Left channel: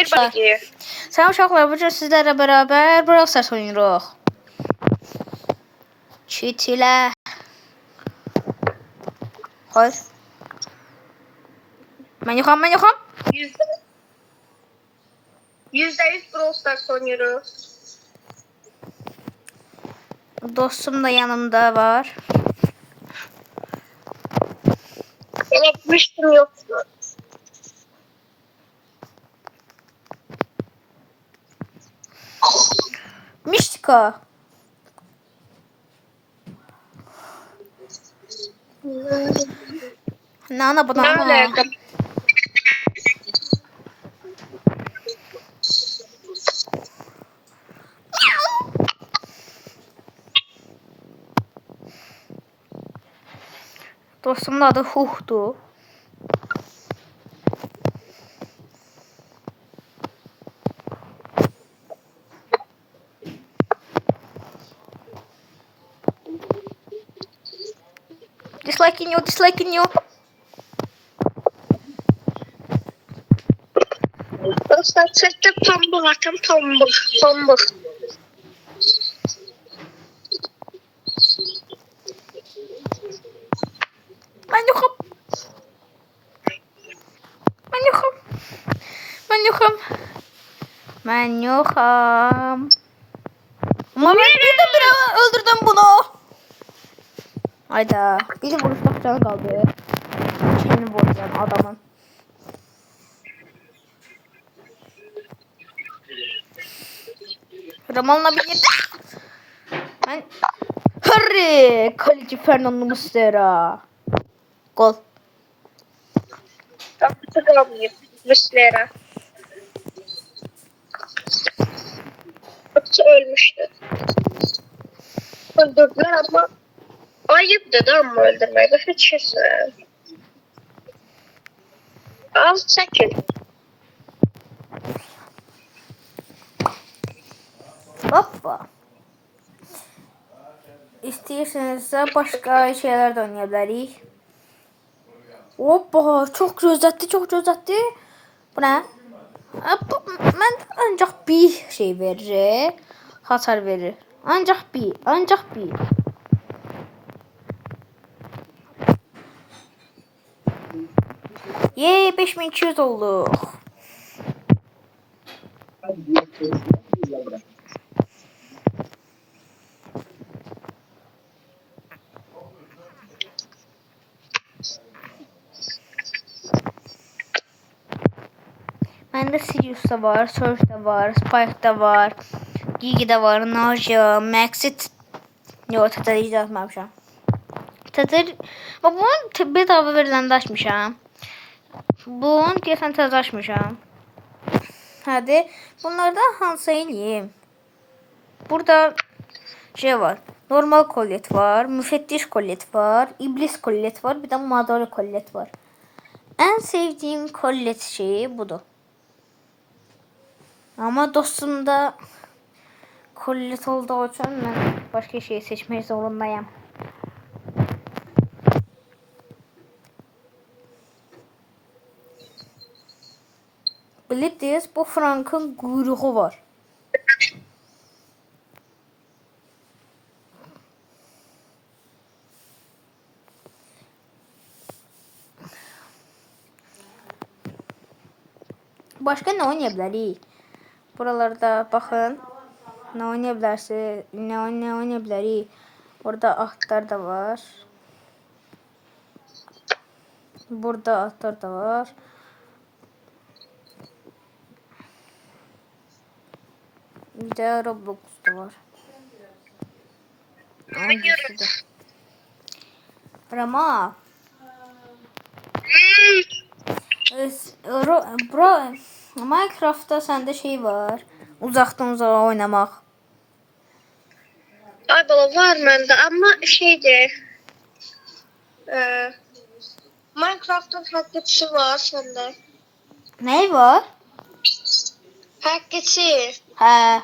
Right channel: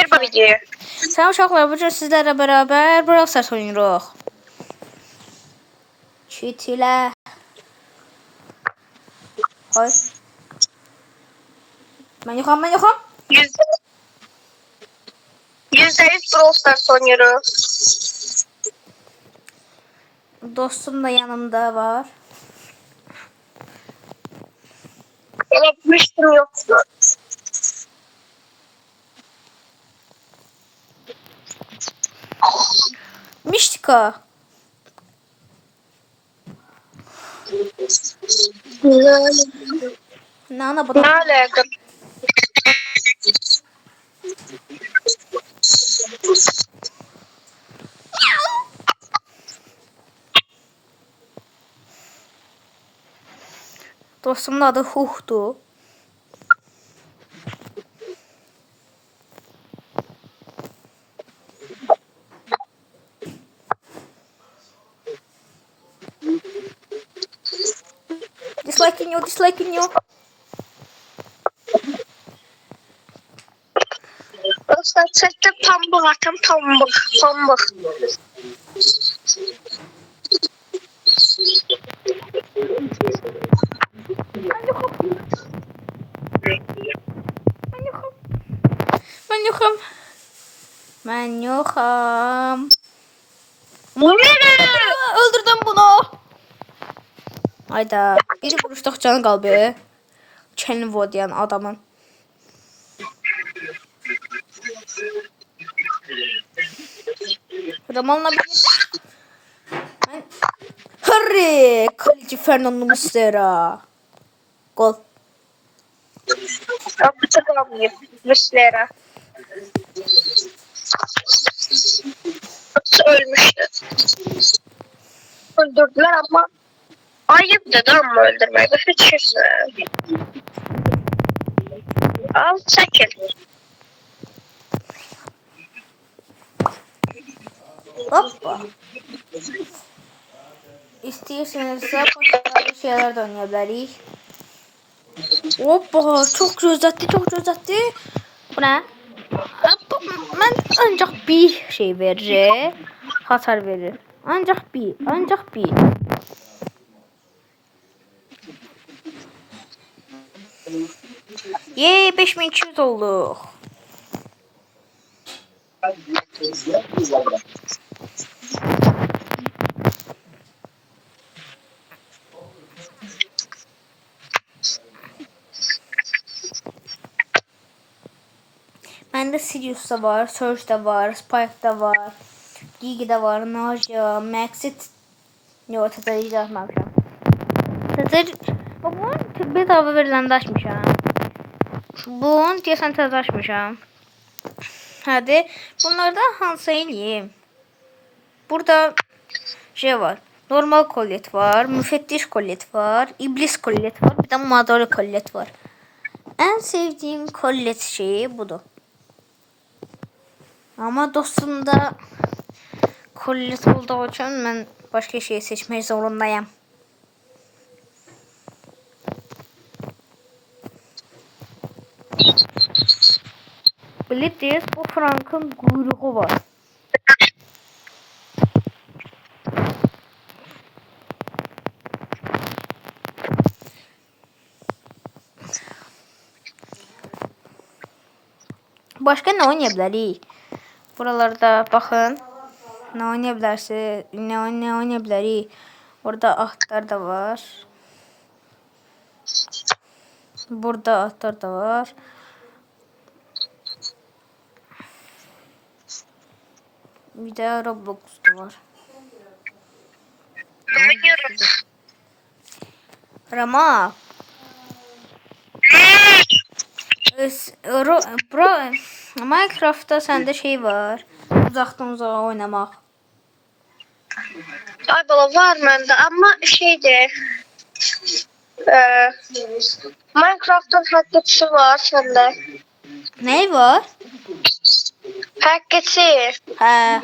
Selam uşaqlar, bugün sizlərlə bərabər Brawl Stars oynayırıq. Cheat ilə. Hayır. Mən yoxam. %100 Brawl Stars oynuyoruz. Dostum da yanımda var. Unutmuştum yoksa. Mistika. Nana bu da. Ne alaka? Dostumun adı Huh'du. Disliking you. Dostlar sette pambık atam pambık. Ben yokum. Ama öldürdüm bunu. Hayda. Biri vuruştuk canı kalbi. Kendi vurdu yani adamın. Ramal'la bir yedi. Ben... Hurry! Kaleci Fernando Muslera. Gol. Hatırlamıyorum. Muslera. Ölmüştü. Öldürdüler ama ayıp dedi ama öldürmeyi. Kaçırsın. Al çekil. Hoppa. İstəyirsinizsə başqa şeyler de oynayabiliriz. Hoppa, çok gözətdi. Bu ne? Ben ancak bir şey verir. Hasar verir. Ancak bir. Yey 5200 oldu. Bende Sirius da var, Surge da var, Spike da var, Gigi de var, Naja, Maxit. Yok, Tether hiç atmamışam. Tether, bunun bedava verilen de açmışam. Bunun deyəsən tez açmışam. Hadi, bunlardan hansı eləyim? Burada şey var, normal kollet var, müfettiş kollet var, iblis kollet var, bir de madara kollet var. En sevdiğim kollet şeyi budur. Ama dostumda kollet olduğu için ben başka şey seçmek zorundayım. Bilirsiniz, bu Frank'ın kuyruğu var. Başka ne oynayabiliriz? Buralarda bakın. Ne oynayabilirsiniz? Ne oynayabiliriz? Burada atlar da var. Burada atlar da var. Bir de Roblox da var. Rama. Bro, Minecraft'ta sende şey var. Uzaktan uzağa oynamak. Ay bala var bende ama şeydi. Minecraft'ın hacketisi var sende. Ne var? Hacketi. He.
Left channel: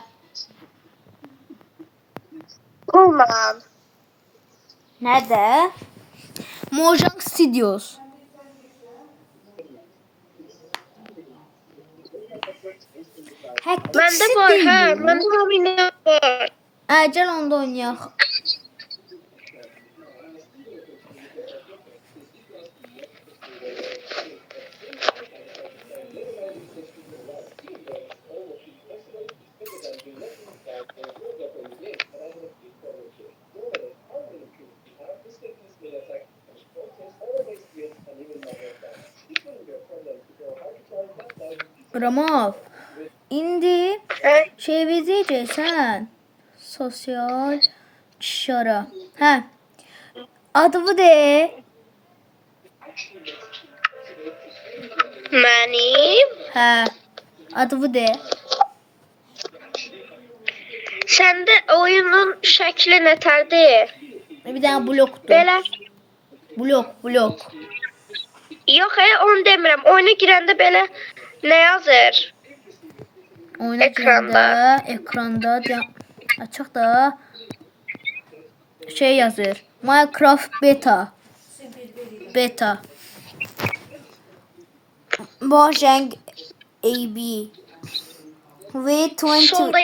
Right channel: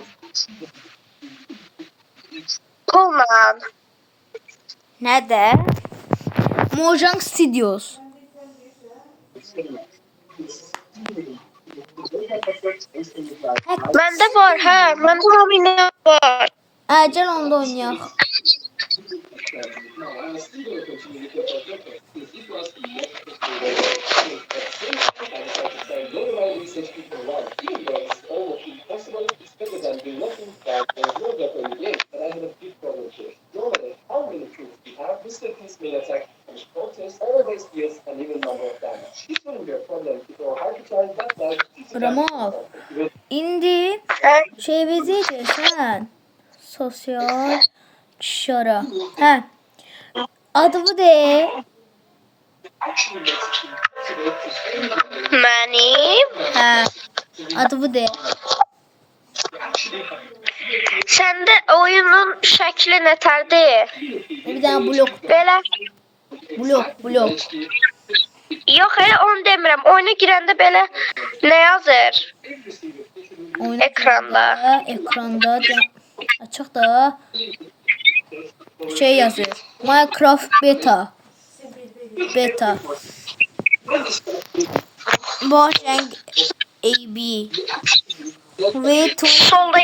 Kullan. Nerede? Mojang Studios. Məndə var, hə. Məndə hamı var. Gəl onda oynayaq. Ramal, indi çevirəcəksən sosial şara. Hə. Adımı de. Mənim. Hə. Adımı de. Səndə oyunun şəkli nətərdir? Bir dənə blokdur. Belə. Blok. Yox, onu demirəm. Oyuna girəndə belə nə yazır? Oyuna Ekranda. Ekranda açıq da şey yazır. Minecraft beta. Mojang AB. Ve 20. Solda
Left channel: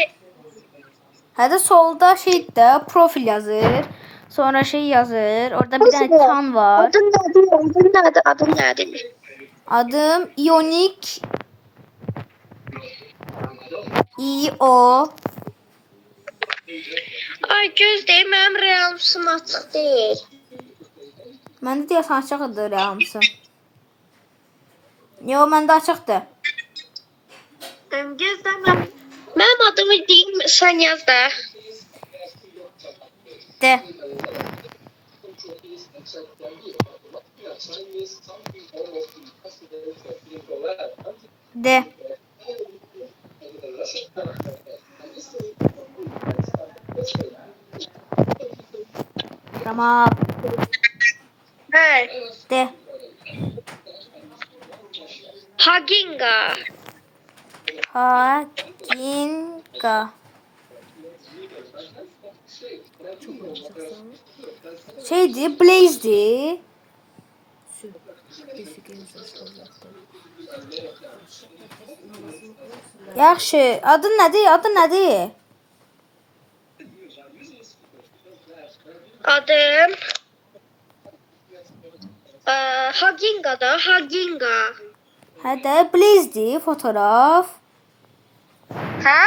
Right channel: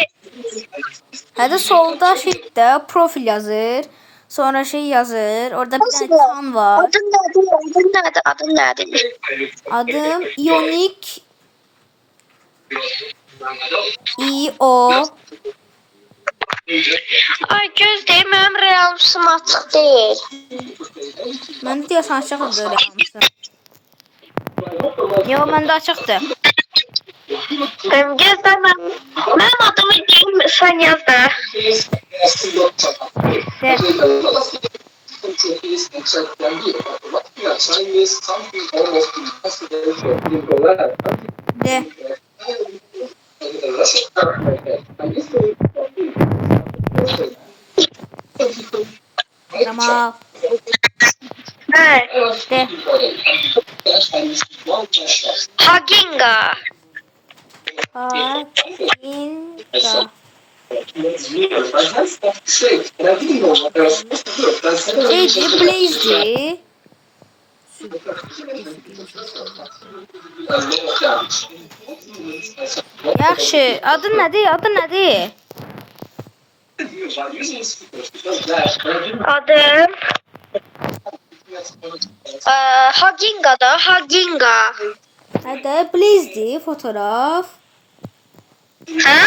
Hadi solda şeyde profil yazır. Sonra şey yazır. Orada bir tane çan var. Adın nədir? Adım Ionic IO. Ay gözləyim, mənim realmışım açıq deyil. Məndə deyəsən açıqdır hamısı. Yox, məndə açıqdır. Gözlə, mənim adımı deyim, sən yaz da. De. De. Tamam. Hə. De. Haginga. Haginga. Şeydi, Blaze'di. Yaxşı, adın nədir? Adım Haginga da, Haginga. Hədə, Blaze'di, fotoğraf. Hə?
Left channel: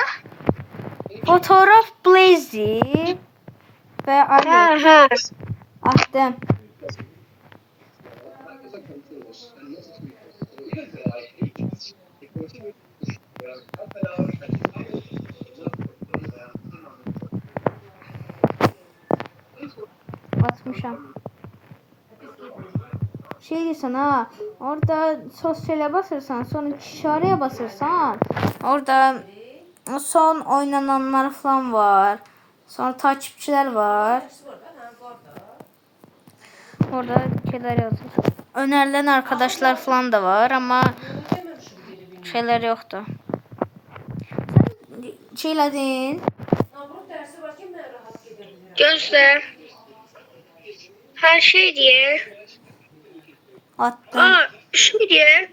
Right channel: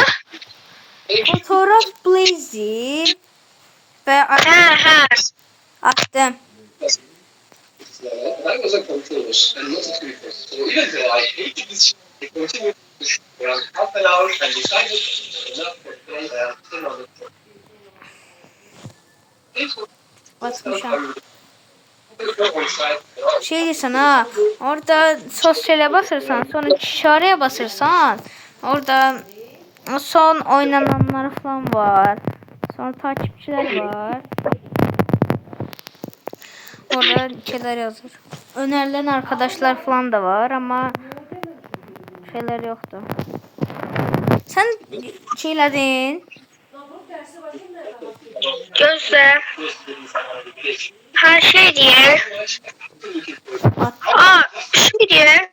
Fotoğraf Blaze'di. Və Hə. Attım. Atmışam. Şey diyorsun ha, orada sosyale basırsan, sonra işareye basırsan, orada son oynananlar falan var. Sonra takipçiler var. Orada şeyler yazır. Önerilen arkadaşlar falan da var ama şeyler yoktu. Sen şeyledin. Gözlə. Her şey diye. Şey diye.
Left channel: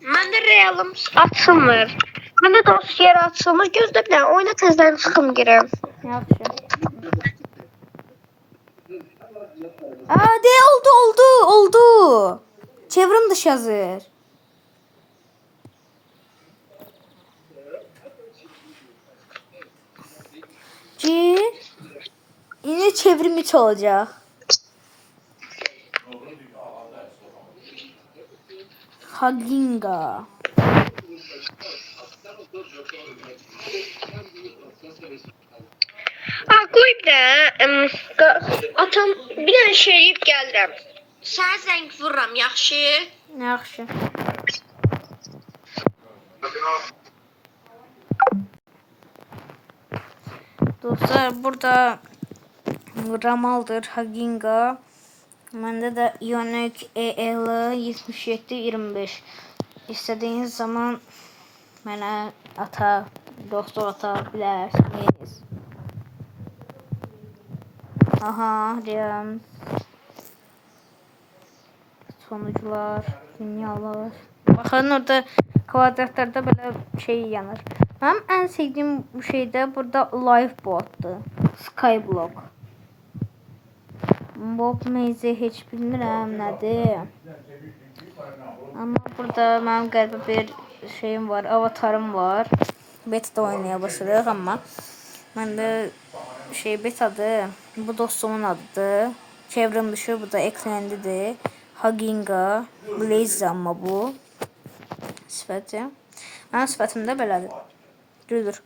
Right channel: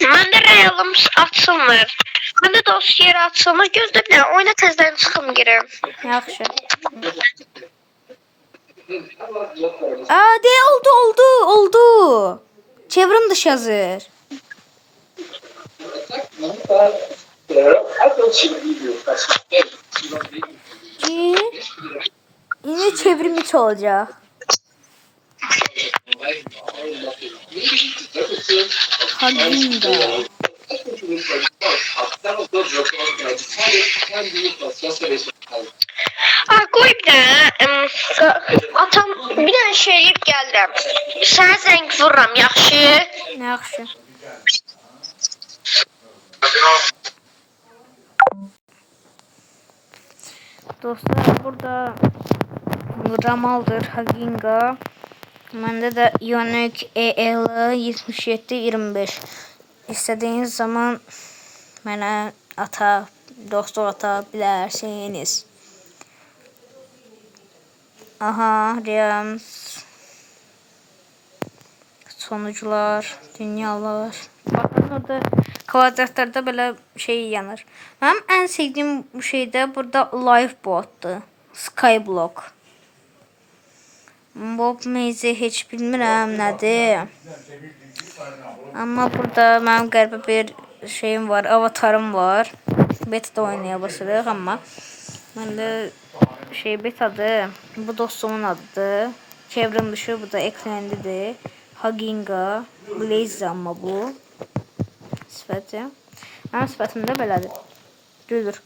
Məndə realım açılmır. Məndə dosya açılmır. Gözlə bir dənə oyuna təzədən çıxım girəm. Yaxşı. De oldu. Çevrim dışı yazır. Yine çevrim içi olacak. Haginga. Qoy bir dənə atam bir dənə şey eləyib gəlirəm. Sənə zəng vururam, yaxşı? Yaxşı. Dostlar burada Ramal'dır, Haginga. Bende de Ionic EL 7725. İstediğiniz zaman bana dostluk atabilirsiniz. Aha, Rams. Sonuçlar, dünyalar. Bakın orada Kvadratlarda böyle şey yanır. Benim en sevdiğim bu şey de burada Lifeboat'tu. Skyblock. Bob Maze hiç bilmirəm nədir. Amma burada mənim qəribə bir şeyim var, avatarım var. Beta'da oynaya başladıq amma məndə şey betadır. Bu dostumun adıdır. Çevrem dışı bu da ekrandidir. Haginga, Blaze amma bu. Sifəti. Mənim sifətim də belədir. Düzdür.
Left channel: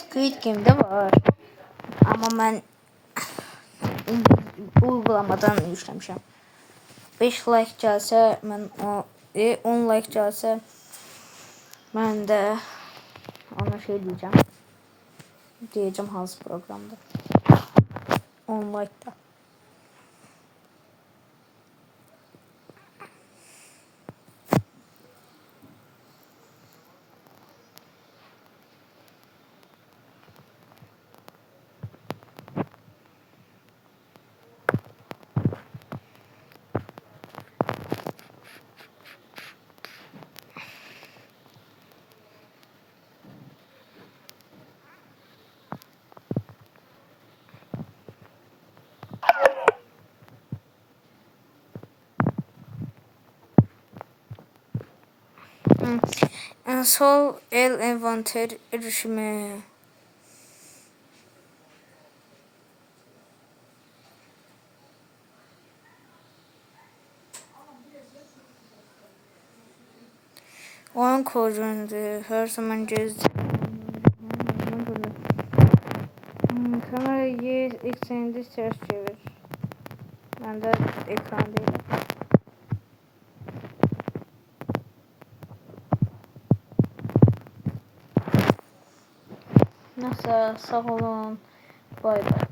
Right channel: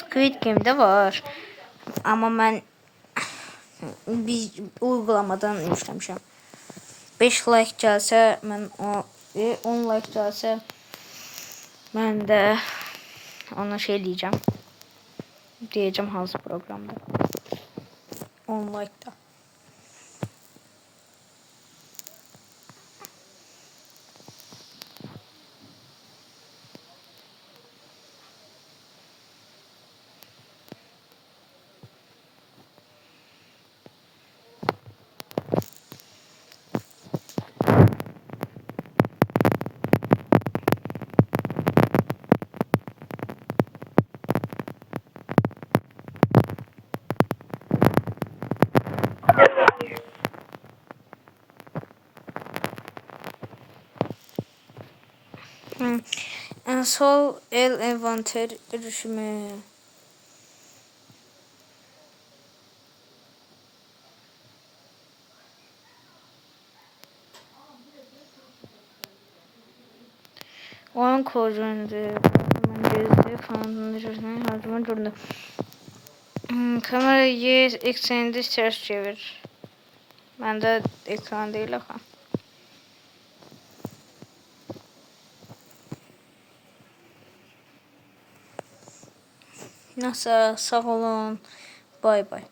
Squid Game'de var. Amma mən bir uygulamadan yükləmişəm. 5 like gəlsə mən o 10 like gəlsə mən də ona şey diyeceğim. Diyeceğim hansı programda. 10 like'da. Sol el envanter erişimi. Oyun koyucundu. Her zaman gezdi. Her zaman durdu. Kamerayı ekseninde ters çevir. Ben de ekran değil. Neyse sağ olun. Bay bay.